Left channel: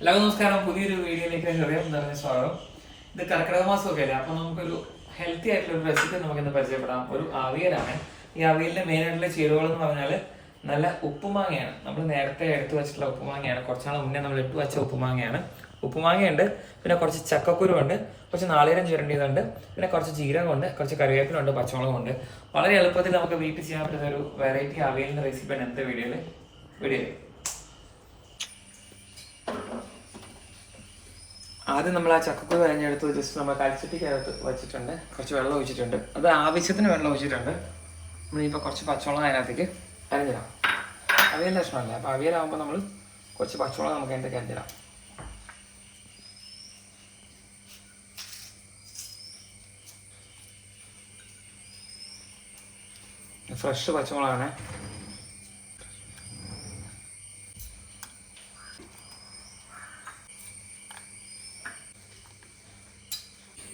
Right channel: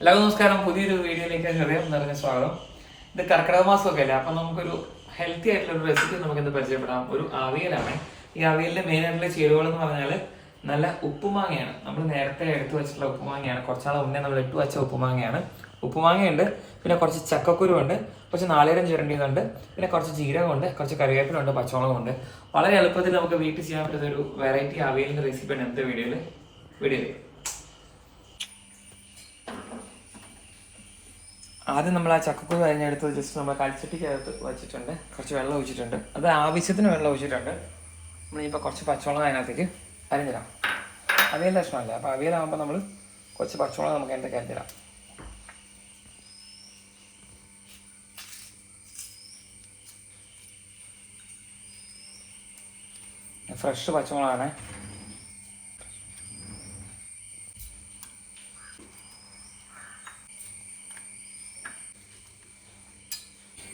എല്ലാവർക്കും നമസ്കാരം. പുതിയൊരു വീഡിയോയിലേക്ക് ഹൃദയം നിറഞ്ഞ സ്വാഗതം. ഇത് കർക്കിടക മാസമൊക്കെ അല്ലേ? അപ്പൊ നമുക്കൊരു ഹെൽത്തി ആയിട്ടുള്ള ഒരു റെസിപ്പി നമുക്ക് ഇന്ന് പരിചയപ്പെടാം. ഒരു അവിയലാണ്. ഈ അവിയലിന്റെ മെയിൻ ആയിട്ടുള്ള ചേരുവകൾ എന്ന് പറഞ്ഞാൽ നല്ല ഉപ്പുമാങ്ങയാണ്. നമ്മൾ നേരത്തെ എടുത്തു വെച്ചിട്ടുള്ള ഉപ്പുമാങ്ങയാണ്. കുറച്ചാൾ മുന്നേ നമ്മൾ ഇട്ട് വെച്ച ഉപ്പുമാങ്ങയാണ്. ഉപ്പുമാങ്ങയുണ്ട്. പിന്നെ കുറച്ച് ചക്കക്കുരുണ്ട് കുറച്ച് നാളികേരം ചിരണ്ടിയതുണ്ട്. പിന്നെ കുറച്ച് ജീരകമുണ്ട്. കുറച്ച് കറിവേപ്പിലുണ്ട് പച്ചമുളകുണ്ട് വളരെ എളുപ്പത്തിൽ നമുക്ക് വീട്ടിൽ ചെയ്യാൻ പറ്റുന്ന ഒരു വെറൈറ്റി അവിയലിന്റെ റെസിപ്പിയാണ് ഇന്നത്തെ വീഡിയോയിൽ വീഡിയോയിൽ ആദ്യം നമ്മൾ ആ ചക്കക്കുരു അരിഞ്ഞെടുത്ത് ജസ്റ്റ് നമ്മൾ കടിച്ചിട്ടിക്കകത്ത് വെച്ചിട്ടുണ്ട്. കുറച്ച് വെള്ളം ഒഴിച്ചിട്ടുണ്ട്. അത് ആവശ്യത്തിന് വെള്ളം ഒഴിച്ചിട്ടുണ്ട്. നമ്മളിപ്പോൾ കുറച്ച് പച്ചവെള്ളം അതിനകത്തേക്ക് അരഞ്ഞിടാം. അവിയൽ ലക്ഷണമല്ലേ അപ്പോൾ അവിയലാകുമ്പോൾ നമ്മൾ കുറച്ച് പച്ചവെള്ളം നമുക്ക് അതിന്റെ കരഞ്ഞിടാം ഫ്രഷ് പച്ചമുളകാണ്.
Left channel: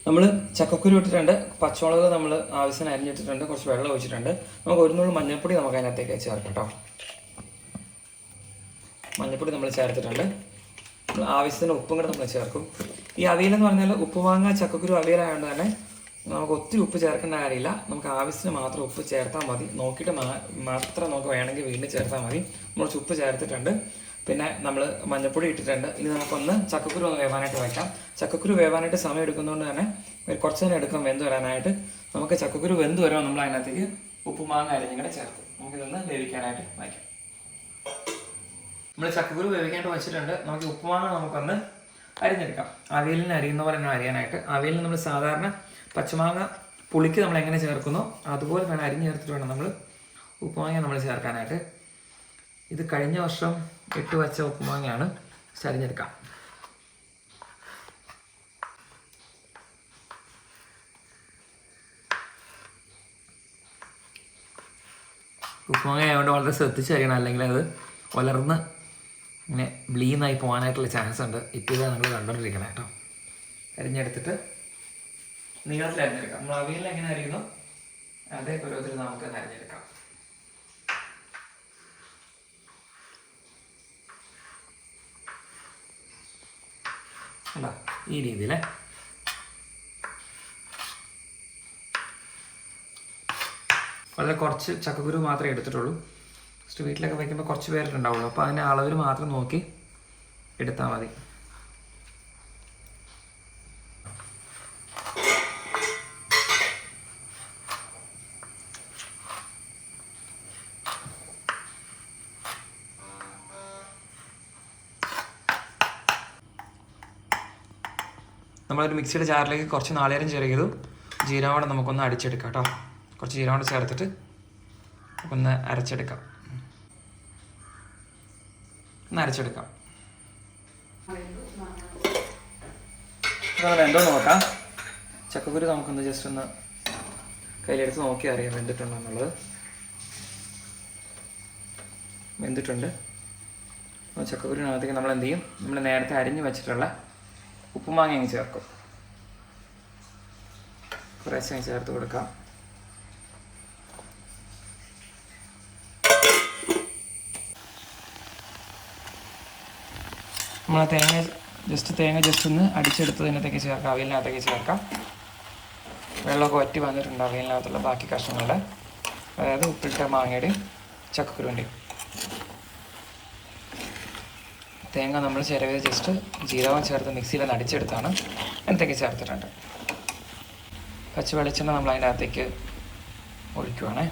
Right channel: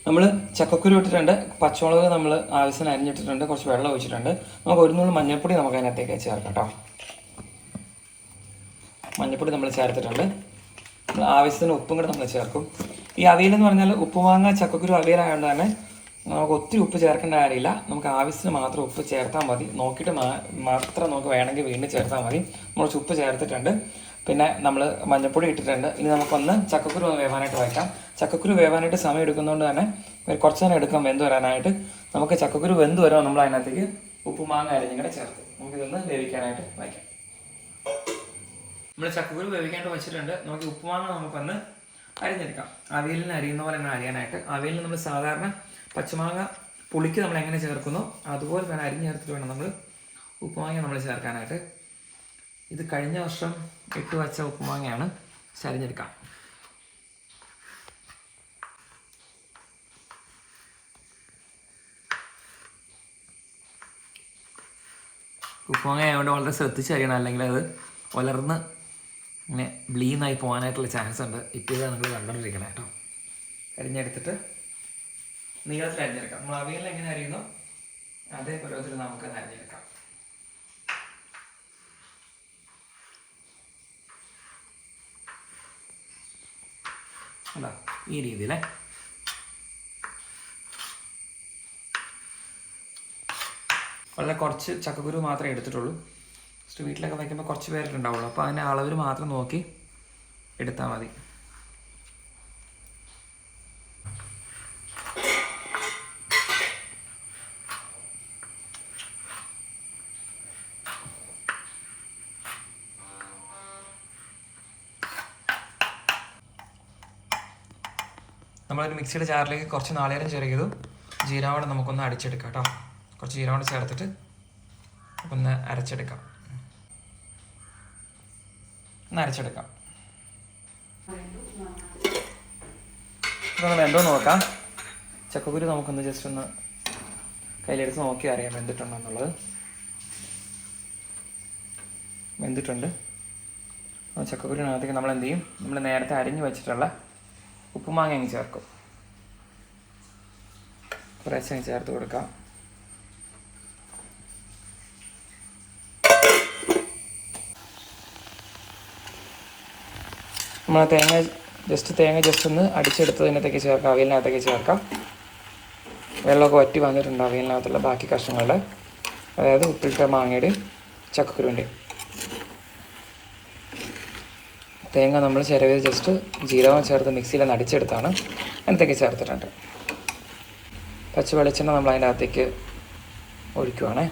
നമ്മൾ ചക്കക്കുരു ഇട്ടിട്ടുണ്ട്. പച്ചമുളക് നമ്മൾ ആവശ്യത്തിന് അരിഞ്ഞിട്ടിട്ടുണ്ട്. കുറച്ച് വെള്ളം ഒഴിച്ചിട്ടുണ്ട്. നമുക്ക് ഒരു നുള്ളു മഞ്ഞൾപ്പൊടി നമുക്ക് അതിനകത്തേക്ക് ചേർക്കാം കേട്ടോ. മഞ്ഞൾപ്പൊടി നമ്മൾ ചേർത്തിട്ടുണ്ട്. ആവശ്യത്തിന് ഉപ്പും കൂടെ നമ്മൾ ചേർക്കും. ഈ അവിയൽ എന്ന് പറഞ്ഞാൽ ഉപ്പ് വാങ്ങാൻ ചക്കക്കുരു അവിയലായതുകൊണ്ട് തന്നെ നമുക്ക് ഒത്തിരി ഉപ്പ് ചേർക്കേണ്ട കാര്യമില്ല. നമുക്ക് ആവശ്യത്തിന് മാത്രം ഉപ്പ് ചേർത്താൽ മതി. നോക്കിയിട്ട് മാത്രം നമുക്ക് വേണമെങ്കിൽ വീണ്ടും ചേർത്താൽ മതി. നമ്മൾ ഉപ്പ് ചേർത്തിട്ടുണ്ട്. പിന്നെ നമ്മൾ മഞ്ഞൾപ്പൊടി ഇട്ടിട്ടുണ്ട്. ഇനി നമുക്കൊന്ന് ചക്കക്കുരു വേവാനായിട്ട് വയ്ക്കാം. ചക്കക്കുരു വേവാനായിട്ട് സമയം എടുക്കുന്നതുകൊണ്ട് തന്നെ കുറച്ച് നേരം എടുക്കാം വെന്ത് വരാനായിട്ട്. നമുക്ക് ചക്കക്കുരു വെന്ത് വരുമ്പോൾ നമ്മൾ അതിനകത്തേക്ക് ഉപ്പുമാങ്ങ അരിഞ്ഞും കൂടെ ചേർത്ത്. നമുക്കിതൊന്ന് വേവിക്കാനായിട്ട് വയ്ക്കാം. നമ്മൾ ചക്കക്കുരു വേവിക്കാനായിട്ട് വെച്ചിട്ടുണ്ട്. നമുക്ക് ഉപ്പുമാങ്ങ നമുക്കൊന്ന് അരിഞ്ഞെടുക്കാം. അവിയലിന് അരിയുന്ന പോലെ തന്നെ അരിയാനായിട്ട്. അവിയലിന് നമ്മൾ സാധാരണ പച്ചമാങ്ങ പുളിക്ക് നമ്മൾ എങ്ങനെ ചേർക്കുന്നു അതുപോലെ തന്നെ അരിഞ്ഞ് ചേർത്തിട്ട് വേണം നമ്മൾ ഉപ്പുമാങ്ങ നമ്മൾ ചേർക്കാനായിട്ട്. ഇത് കഴിഞ്ഞ വർഷം ഇട്ട് വച്ച ഉപ്പുമാങ്ങയാണ്. ചരിഞ്ഞെടുക്കാം ഉപ്പുമാങ്ങ ആയതുകൊണ്ട് വളരെ ശ്രദ്ധിച്ച് അറിയണം. അല്ലെങ്കിൽ അത് വളർന്ന് ഇങ്ങനെ ബ്ലീന്നായി പോകാനായിട്ടുള്ള ചാൻസ് ഉണ്ട്. ഇപ്പോൾ ഇതാണ് നിങ്ങൾ കണ്ടുകൊണ്ടിരിക്കണം കേട്ടോ. അരിഞ്ഞെടുത്തിട്ട് നീളത്തിൽ അരിഞ്ഞെടുക്കാം നമ്മൾ അവിയലിൽ എങ്ങനെ അരിയുന്നു? അതേ നമുക്ക് അരിഞ്ഞെടുക്കാം. അല്ല ഈ രീതിയിൽ. വളരെ കുറച്ച് ചക്കക്കുരു മാത്രമേ എടുത്തിട്ടുള്ളൂ. ജസ്റ്റ് വീട്ടിലൊക്കെ വയ്ക്കുമ്പോൾ കുറച്ച് പേരുണ്ടാവുള്ളൂ അപ്പോൾ അതിന്റെ അളവിൽ മാത്രം നോക്കി എടുത്താൽ മതി. നമ്മളൊരു മിക്സിയുടെ ജാറിലേക്ക് കുറച്ച് നാളികേരം ചെറിയതും ജീരകം നമുക്കൊന്ന് അടിച്ചെടുക്കാം കേട്ടോ കുറച്ച് ജീരകം ചേർത്തിട്ട് ഒന്ന് അരച്ചെടുക്കാം. ഒന്ന് അരച്ചെടുക്കാം. ഇതൊന്ന് നോക്കാം. ചക്കക്കുരു നമുക്കൊന്ന് ജസ്റ്റ് ഒന്ന് കയ്യിലെടുത്ത് നോക്കി അറിയാം വെന്തിട്ടുണ്ടോ എന്നുള്ളത്. വെന്തിട്ടുണ്ട്. ചക്കക്കുരുവിനകത്തേക്ക് നമ്മൾ എന്ത് ചെയ്യും? നമ്മൾ നേരത്തെ അരിഞ്ഞു വെച്ചിട്ടുള്ള ഉപ്പുമാങ്ങ അങ്ങ് ചേർക്കും. കുറേശ്ശെ ചേർത്ത് കൊടുക്കാം. നമ്മൾ തേങ്ങ ജസ്റ്റ് തേങ്ങ ജസ്റ്റ് ഒന്ന് അടിച്ചെടുത്തതിനകത്തേക്ക് ചേർക്കാം. അവയിലിനകത്തേക്ക് ചേർക്കാം. വെള്ളമൊക്കെ ഒറ്റ വന്നിട്ടുണ്ട് അവയിലിനകത്തുള്ള ബാക്കി കഷ്ണങ്ങൾ അതായത് ഉപ്പിട്ട മാങ്ങയുടെയും ചക്കക്കുരുവിന്റെയും തേങ്ങ നമ്മൾ ചിരവിയത് ജസ്റ്റ് ജീരകം ചേർത്ത് മിക്സിയിൽ അടിച്ചെടുത്താണ് അതിനകത്തേക്ക് ചേർത്തിട്ടുണ്ട്. പച്ച വെളിച്ചെണ്ണ നമ്മൾ അതിന്റെ അകത്തേക്ക് ഒഴിക്കുവാണ്.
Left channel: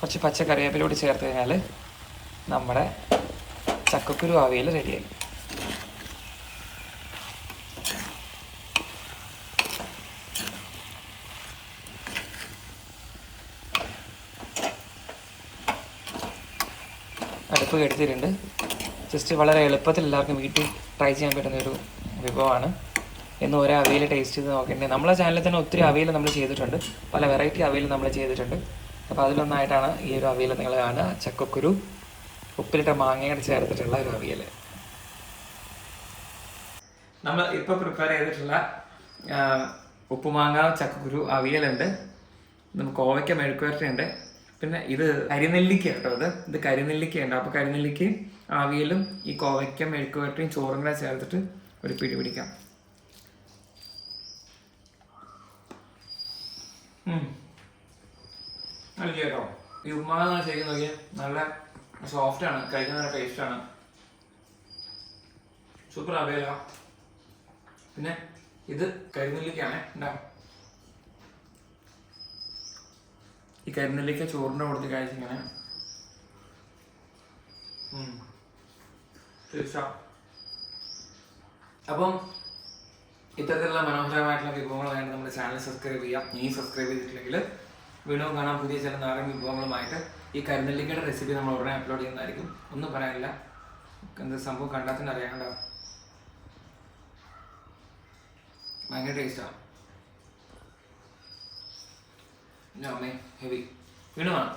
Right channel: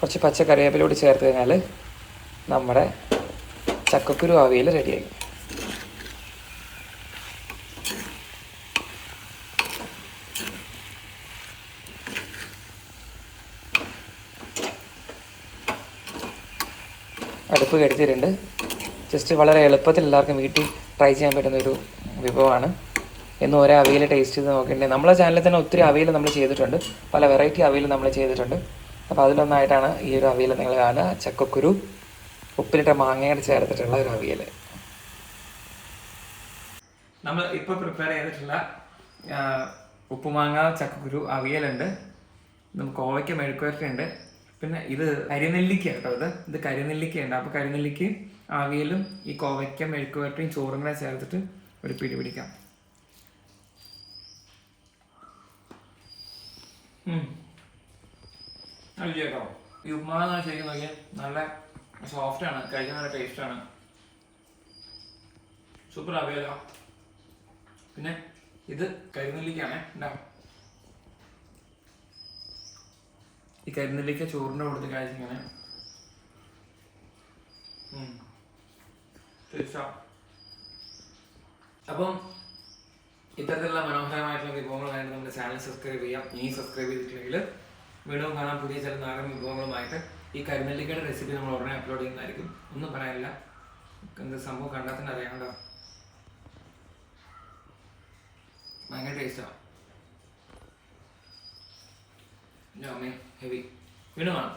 കുറച്ച് പച്ച കറിവേപ്പിലോട് ചേർത്ത് കഴിഞ്ഞാൽ നമ്മുടെ ചക്കക്കുരു അവിയൽ റെഡിയായി അടുപ്പ് എടുത്തിട്ടുണ്ട് ജസ്റ്റ് വളരെ എളുപ്പത്തിൽ എല്ലാവർക്കും വീട്ടിൽ ട്രൈ ചെയ്യാൻ പറ്റുന്ന ഒരു വിഭവമാണ്. എന്ന് ഓരോ അവയിൽ ടേസ്റ്റ് ചെയ്ത് നോക്കിയിട്ടുണ്ടെങ്കിൽ നമ്മളെ ചാനലിൽ തന്നെ ഒത്തിരി അവയിൽ നമ്മൾ ചെയ്തിട്ടുണ്ട്. പല വെറൈറ്റി അവയിൽ നമ്മൾ ചെയ്തിട്ടുണ്ട്. അപ്പോൾ അതിലൊന്നായിട്ടാണ് ഈ ഒരു അവിയൽ നിങ്ങൾ കാണുക. ചക്കക്കുരു ഉപ്പിലിട്ട മാങ്ങയുടെ ചേർത്തിട്ടുള്ള ഒരു അവിയൽ നമ്മൾ ഇപ്പോൾ പ്രിപ്പയർ ചെയ്തിട്ടുള്ള ഉപ്പുമാങ്ങ ചക്കക്കുരു അവിയലുണ്ട്. നമുക്ക് ഓവയ്ക്ക മെഴുക്കുവരട്ടുണ്ട് പിന്നെ ഇത് കരിനെല്ലിക്ക കേട്ടോ ഇത്. ഇത് കരിനെല്ലിക്ക ഉണ്ട് അപ്പോൾ കരിനെല്ലിക്ക് ആവിയലും ഈ കോവയ്ക്ക മെഴുക്കുവരട്ടിയും ചോറും കൂടെ ചേർത്തിട്ട് ഒരു പിടി പിടിക്കാം. ഉം. നല്ല കേട്ടോ ഈ ഉപ്മാവ് ശരിക്കും നോക്കിയാൽ നല്ല സോഫ്റ്റ് ആണ്. കഴിക്കാൻ നല്ല ടേസ്റ്റ് ആണ്. സൂപ്പർ അവയല പിന്നെ ഇത് കരിനെല്ലിക്കാണ് ഉണ്ടാവും ഈ കരിനെല്ലിക്ക ചോറിന്റെ കൊടുത്ത് കഴിച്ചിങ്ങനെ അപ്പം ഇത്തരത്തിലുള്ള മനോഹരമായിട്ടുള്ള വിഭവങ്ങൾ വേണ്ടി നമ്മുടെ ചാനൽ സബ്സ്ക്രൈബ് ചെയ്യാം നീ സബ്സ്ക്രൈബ് ചെയ്തിട്ടില്ലെങ്കിൽ വീണ്ടും കാണാൻ പുതിയ ചില നാടൻ വിഭവങ്ങളുമായിട്ട്. ഈ കരിനെല്ലിക്കയുടെ റെസിപ്പി നമ്മൾ ഉടനെ അപ്ലോഡ് ചെയ്യുന്നതായിരിക്കും. ഒന്നും പറയാനില്ല. എന്ത് സംഭവം കണ്ടാൽ തന്നെ അറിയാണ്ടോ ഭയങ്കര ടേസ്റ്റാണ് അമ്മേ ഹെവി വീണ്ടും കാണാം